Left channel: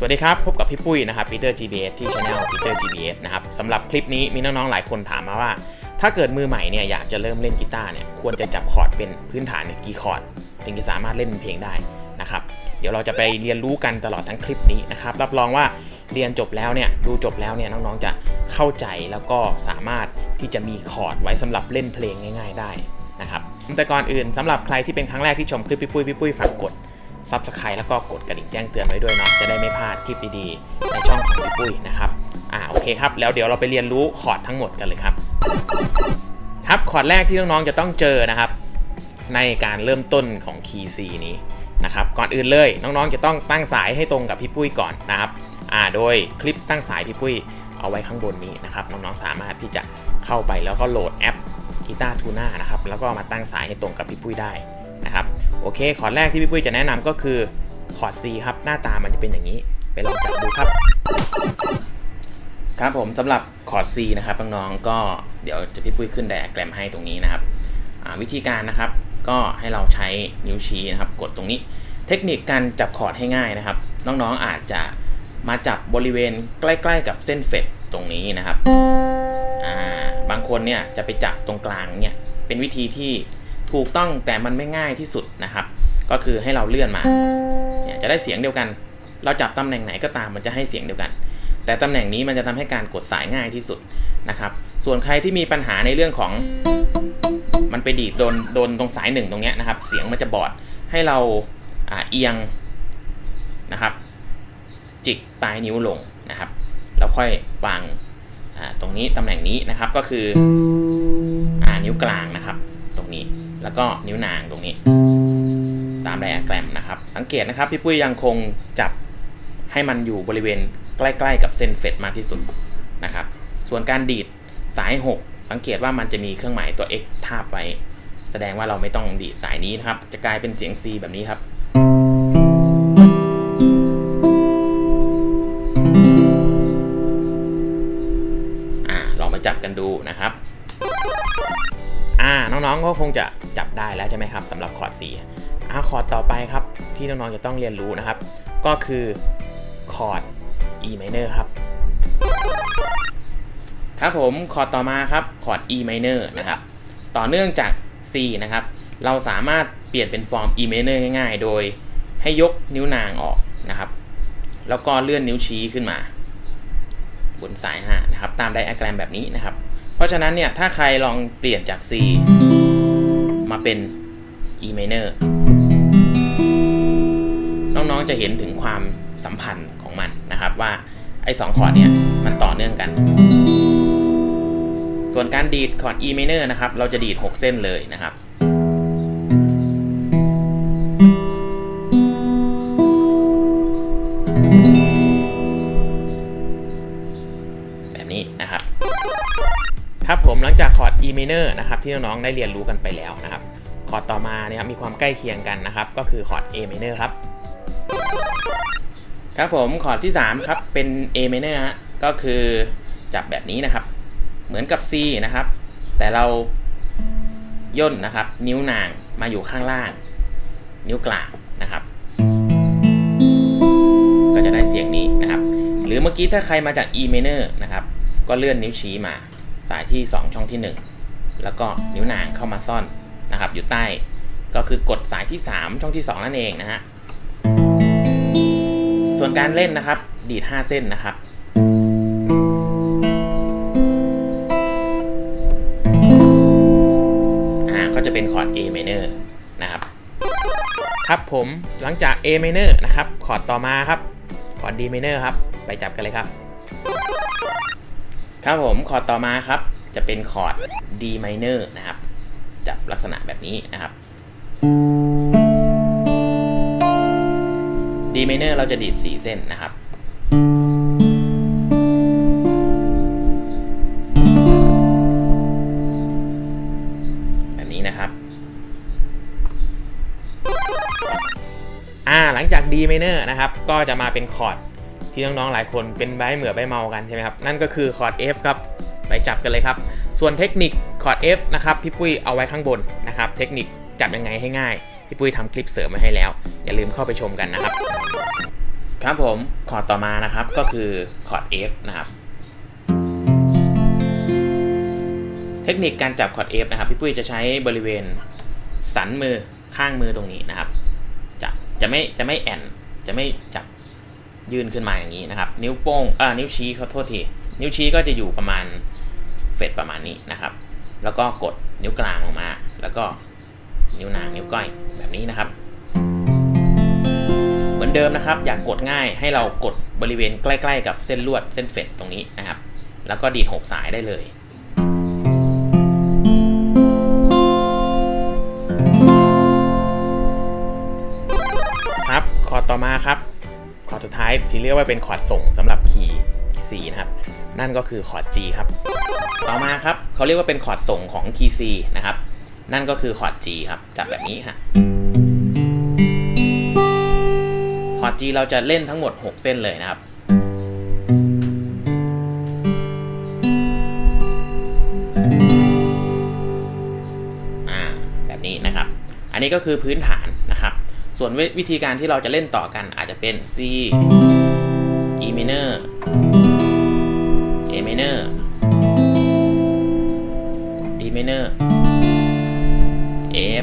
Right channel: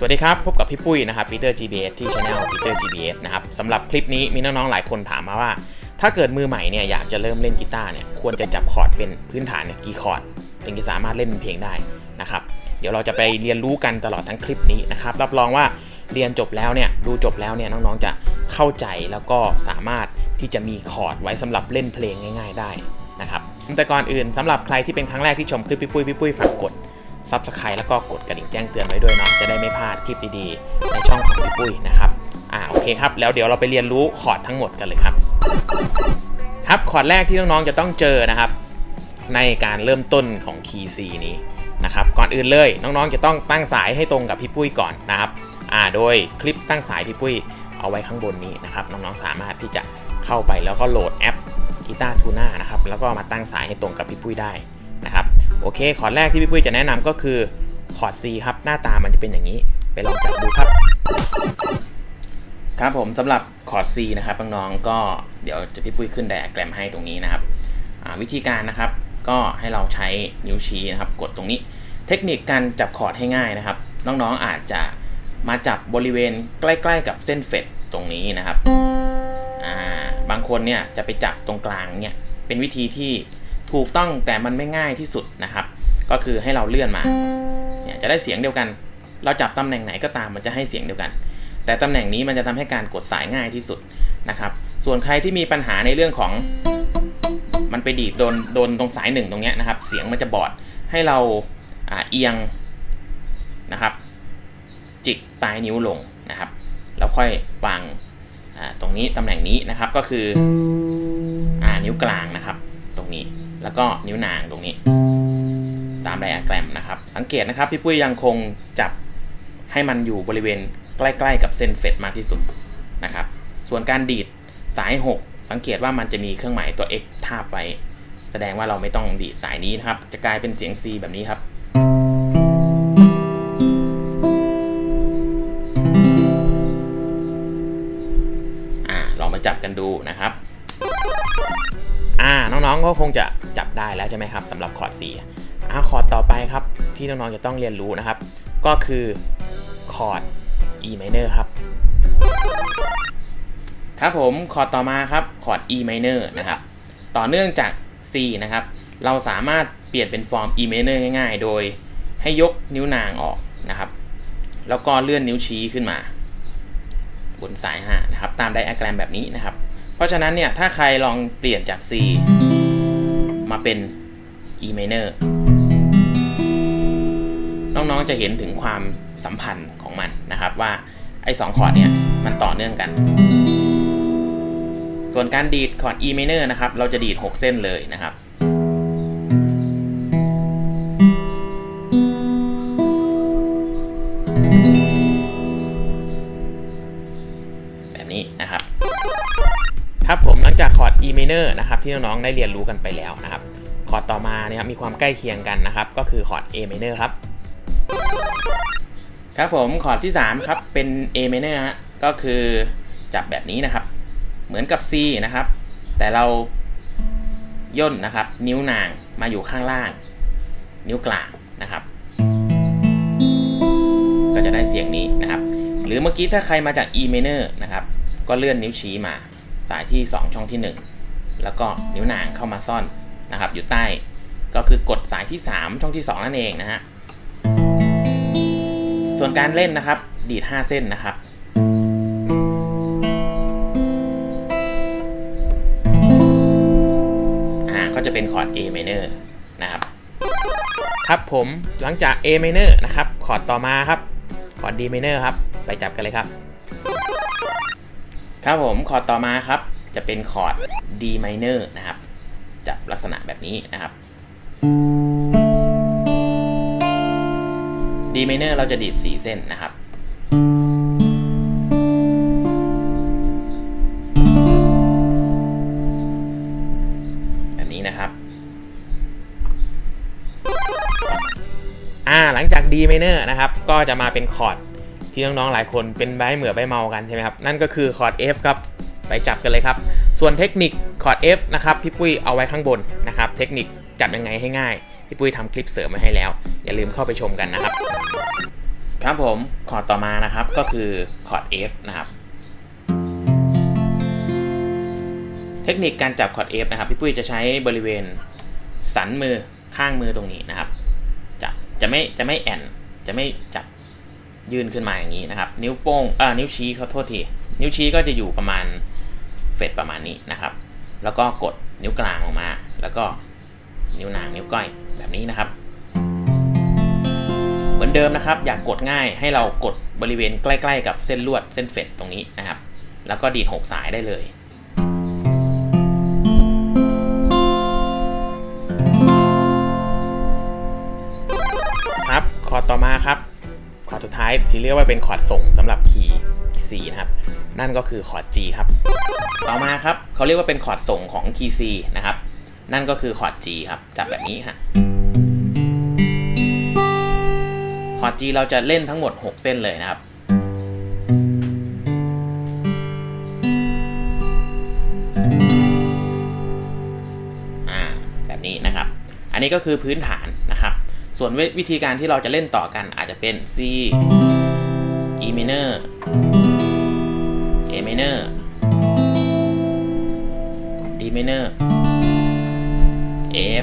สวัสดีครับ พบกับพี่ปุ้ยนะครับ Peter GBS ที่ Channel Peter GBS นะครับสำหรับคลิปนี้มีน้องๆหลายคนถามมาว่า ถ้าเกิดมือใหม่เนี่ยอยากจะเริ่มเล่นกีตาร์เนี่ยควรจะจับคอร์ดเป็นพื้นฐานเนี่ยกี่คอร์ดถึงจะสามารถเล่นเพลงได้นะครับเดี๋ยวเราจะไปเรียนรู้กันตลอดทั้งคลิปนี้นะครับรับรองว่าเรียนจบแล้วเนี่ยดูจบแล้วเนี่ยน้องๆจะเข้าใจแล้วก็สามารถที่จะมีคอร์ดไว้สำหรับเล่นเพลงง่าย ๆ ได้นะครับแต่ก่อนอื่นสำหรับใครที่เป็นครั้งแรกที่ชมคลิปพี่ปุ้ยพี่ปุ้ยฝากกด ซับสไครต์แล้วก็กดกระดิ่งแจ้งเตือนไว้ด้วยเนาะจะได้ไม่พลาดคลิปดีๆในช่องของพี่ปุ้ยนะครับอ่าโอเคครับแล้วเดี๋ยวเราไปเรียนรู้คอร์ดทั้งหมดกันเลยครับ ครับคอร์ดแรกที่น้องๆจะต้องเจอนะครับ ในการเริ่มต้นของคีย์ C นี้นะครับก่อนอื่นเลยน้องๆจะต้องตั้งสายให้ตรงกับพี่ปุ้ยก่อนนะครับอ่าโดยคลิปตั้งสายพี่ปุ้ยเอาไว้ข้างบนนี้นะครับน้องๆสามารถที่จะเข้าไปแล้วก็โหลดแอปกีตาร์ทูน่านะครับแล้วก็มาตั้งสายให้ตรงกับพี่ปุ้ยได้นะครับ โอเค คอร์ดแรกที่พี่ปุ้ยจะแนะนำก็คือคอร์ด C ครับ หน้าตามันจะเป็นอย่างนี้ ไปลองจับดูครับ ครับผมสำหรับคอร์ด C นะครับน้องๆก็เดี๋ยวจะพี่ปุ้ยขึ้นไดอะแกรมให้ตรงนี้นะครับวิธีการนะครับก็ให้เราใช้นิ้วชี้นะครับ กดตรงนี้ เทคนิคการจับคอร์ดให้ง่ายนะครับ น้องๆอาจจะมาจับบริเวณใกล้ ๆ กับเส้นเฟดตรงนี้นะครับบางคนเนี่ยจะไปจับตรงกลางเนี่ยเป็นวิธีที่ ถูกต้องแต่มันไม่ง่ายที่สุดนะครับ ก็คือให้เราเลื่อนมาเนี่ยจะได้เสียงเดียวกัน เราจับตำแหน่งไหนก็ตามมันจะให้เสียงเดียวกัน แต่ตำแหน่งนี้มันจะทำให้การกดสายง่ายที่สุดนะครับ ส่วนใครที่มีปัญหาในเรื่องของ มันไปดีดโดนโดนตรงสายหนึ่งตรงเนี้ยนะครับ เสียงมันจะบอดให้เราอ่าเอียงนะครับ จิกปลายนิ้วลงนะครับแล้วค่อยวางตรงนี้ตำแหน่งนี้นะครับก็คืออ่านิ้วกลางนะครับ แล้วก็นิ้วนางตรงนี้ ตามไดอะแกรมนะครับ สังเกตนะครับพี่ปุ้ยยังคงจับให้มันอยู่บริเวณใกล้ๆกับเส้นเฟดมากที่สุดนะครับ ส่วนการดีดสาย 6 สังเกตว่ามันจะมีเครื่องหมายตัว x ทาบไว้ แสดงว่าเราไม่ต้องดีดสายนี้นะครับ จะกลายเป็นเสียง C แบบนี้ครับอ่าลองมาจับกันดูนะครับ อ่า น้องๆ ก็คงจะ ได้แล้วใช่ไหมครับสำหรับคอร์ด C อ่าคอร์ดต่อไปครับที่น้องๆจะต้องเรียนรู้นะครับ ก็คือคอร์ด E minor ครับ ครับผมคอร์ดต่อมาครับคอร์ด E minor นะครับต่อเนื่องจาก C นะครับ เราสามารถเปลี่ยนเป็นฟอร์ม E minor ง่าย ๆ โดยให้ยกนิ้วนางออกนะครับ แล้วก็เลื่อนนิ้วชี้ขึ้นมา บนสาย5นะครับ ตามไดอะแกรมแบบนี้นะครับ เพราะฉะนั้นเนี่ย ถ้าใครลองเปลี่ยนจาก C มาเป็น E minor น้องๆจะเห็นถึงความสัมพันธ์ของมันนะครับว่าไอ้สองคอร์ดเนี่ยมันต่อเนื่องกัน ส่วนการดีดคอร์ด E minor นะครับ เราจะดีด 6 เส้นเลยนะครับแบบนี้นะครับครับผมหลังจากคอร์ด E minor นะครับที่น้องๆได้เรียนรู้กันไปแล้วนะครับคอร์ดต่อมาเนี่ยครับมีความใกล้เคียงกันนะครับ ก็คือคอร์ด A minor ครับ ครับผมคอร์ดที่ 3 ครับ เป็น A minor ฮะก็คือจับแบบนี้นะครับ เหมือนกับ C นะครับ แต่เราย่นนะครับ นิ้วนางมาอยู่ข้างล่าง นิ้วกลางนะครับ ก็จะได้เสียงนี้นะครับ หรือเมื่อกี้ถ้าใครมาจาก E minor นะครับ ก็เลื่อนนิ้วชี้มา สายที่ 2 ช่องที่ 1 แล้วก็นิ้วนางเข้ามาซ่อนนะครับ อยู่ใต้ก็คือกดสายที่ 3 ช่องที่ 2 นั่นเองนะฮะส่วนการเล่นนะครับ ดีด 5 เส้นนะครับอ่าก็จะเป็นคอร์ด A minor นะครับ ครับผมหลังจาก A minor นะครับ คอร์ดต่อมาครับ คอร์ด D minor ครับ ไปจับกันเลยครับ ครับผมคอร์ดต่อมาครับจะเป็นคอร์ด D minor นะครับจับลักษณะแบบนี้นะครับ D minor เราจะดีด 4 เส้นนะครับ แบบนี้นะครับ อ่าหลังจาก D minor นะครับ ก็จะมาเป็นคอร์ด ที่น้องๆหลายคนเป็นใบเหมือใบเมากันใช่ไหมครับ นั่นก็คือคอร์ด F ครับไปจับกันเลยครับ ส่วนเทคนิคคอร์ด F นะครับพี่ปุ้ยเอาไว้ข้างบนนะครับ เทคนิคจับยังไงให้ง่ายพี่ปุ้ยทำคลิปเสริมมาให้แล้ว อย่าลืมเข้าไปชมกันนะครับ ครับผมคอร์ดต่อมานะครับก็คือคอร์ด F นะครับ เทคนิคการจับคอร์ด F นะครับ พี่ปุ้ยจะใช้บริเวณสันมือข้างมือตรงนี้นะครับ จะจะไม่จะไม่แอนจะไม่จับ ยื่นขึ้นมาอย่างนี้นะครับ นิ้วโป้งเอ่านิ้วชี้เขาโทษที นิ้วชี้ก็จะอยู่ประมาณเฟดประมาณนี้นะครับ แล้วก็กดนิ้วกลางออกมา แล้วก็นิ้วนางนิ้วก้อยแบบนี้นะครับ เหมือนเดิมนะครับ อยากกดง่ายให้เรากดบริเวณใกล้ ๆ กับเส้นลวดเส้นเฟดตรงนี้นะครับ แล้วก็ดีดหกสายได้เลยครับ คอต่อมาครับ คอร์ดสุดท้ายที่เรียกว่าเป็นคอร์ดส่งสำหรับคีย์ C นะครับนั่นก็คือคอร์ด G ครับต่อมาครับเขาเรียกว่าเป็นคอร์ดส่งของคีย์ C นะครับนั่นก็คือคอร์ด G ครับจับแบบนี้ฮะคอร์ด G เราจะเล่นทั้งหมด 6 เส้นเลยนะครับอ่าแบบนี้นะครับ อันนี้ก็คือพื้นฐาน ส่วนวิธีการที่เราจะเล่นต่อกันอาจจะเป็น C E minor A minor D minor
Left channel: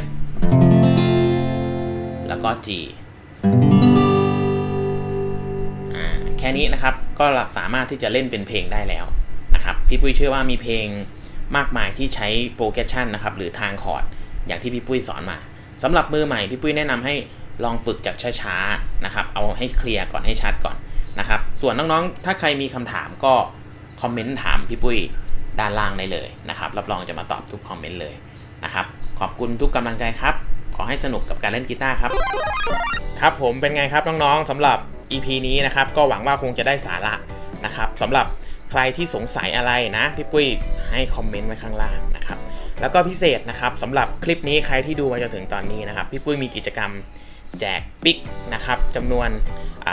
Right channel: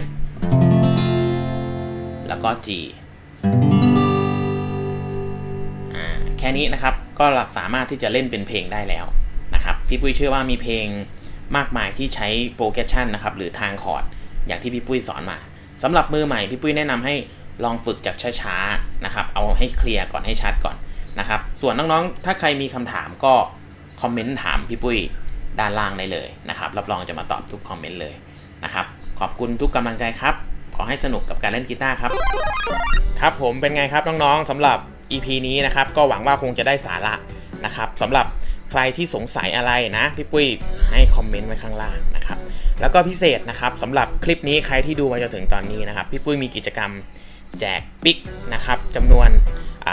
F แล้วก็ G อ่าแค่นี้นะครับก็สามารถที่จะเล่นเป็นเพลงได้แล้วนะครับพี่ปุ้ยเชื่อว่ามีเพลงมากมายที่ใช้โปรแกรชันนะครับหรือทางคอร์ดอย่างที่พี่ปุ้ยสอนมาสำหรับมือใหม่พี่ปุ้ยแนะนำให้ ลองฝึกจากช้าๆนะครับ เอาให้เคลียร์ก่อนให้ชัดก่อนนะครับ ส่วนน้องๆ ถ้าใครมีคำถามก็คอมเมนต์ถามพี่ปุ้ยด้านล่างได้เลยนะครับ รับรองจะมาตอบทุกคอมเมนต์เลยนะครับ ขอบคุณทุกกำลังใจครับ ขอให้สนุกกับการเล่นกีตาร์ครับ ครับผมเป็นไงครับน้องๆสำหรับ EP นี้นะครับ ก็หวังว่าคงจะได้สาระนะครับสำหรับใครที่สงสัยอะไรนะพี่ปุ้ยให้คอมเมนต์ไว้ข้างล่างนะครับ แล้วก็พิเศษนะครับสำหรับคลิปนี้ใครที่ดูมาจนถึงตอนนี้นะครับ พี่ปุ้ยมีกิจกรรม แจกปิ๊กนะครับจำนวนอ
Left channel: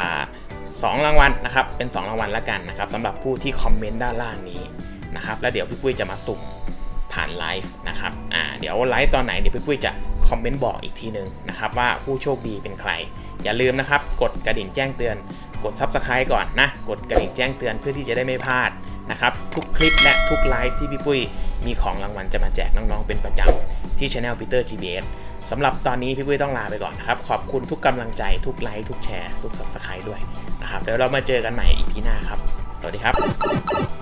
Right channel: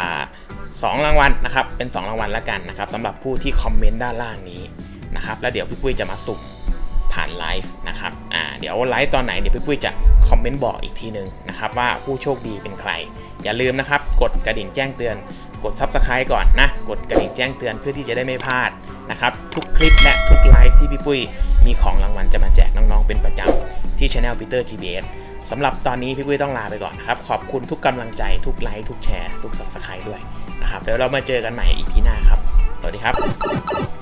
สองรางวัลนะครับเป็น 2 รางวัลแล้วกันนะครับสำหรับผู้ที่คอมเมนต์ด้านล่างนี้นะครับแล้วเดี๋ยวพี่ปุ้ยจะมาสุ่มผ่านไลฟ์นะครับอ่าเดี๋ยวไลฟ์ตอนไหนเดี๋ยวพี่ปุ้ยจะคอมเมนต์บอกอีกทีหนึ่งนะครับว่าผู้โชคดีเป็นใคร อย่าลืมนะครับกดกระดิ่งแจ้งเตือน กด Subscribe ก่อนนะกดกระดิ่งแจ้งเตือนเพื่อที่จะได้ไม่พลาดนะครับทุกคลิปและทุกไลฟ์ที่พี่ปุ้ยมีของรางวัลจะมาแจกน้องๆเป็นประจำที่ Channel Peter GBS สำหรับตอนนี้พี่ปุ้ยต้องลาไปก่อนนะครับ ขอบคุณทุกกำลังใจทุกไลค์ทุกแชร์ ทุก Subscribe ด้วยนะครับเดี๋ยวเรามาเจอกันใหม่อีพีหน้าครับ สวัสดีครับ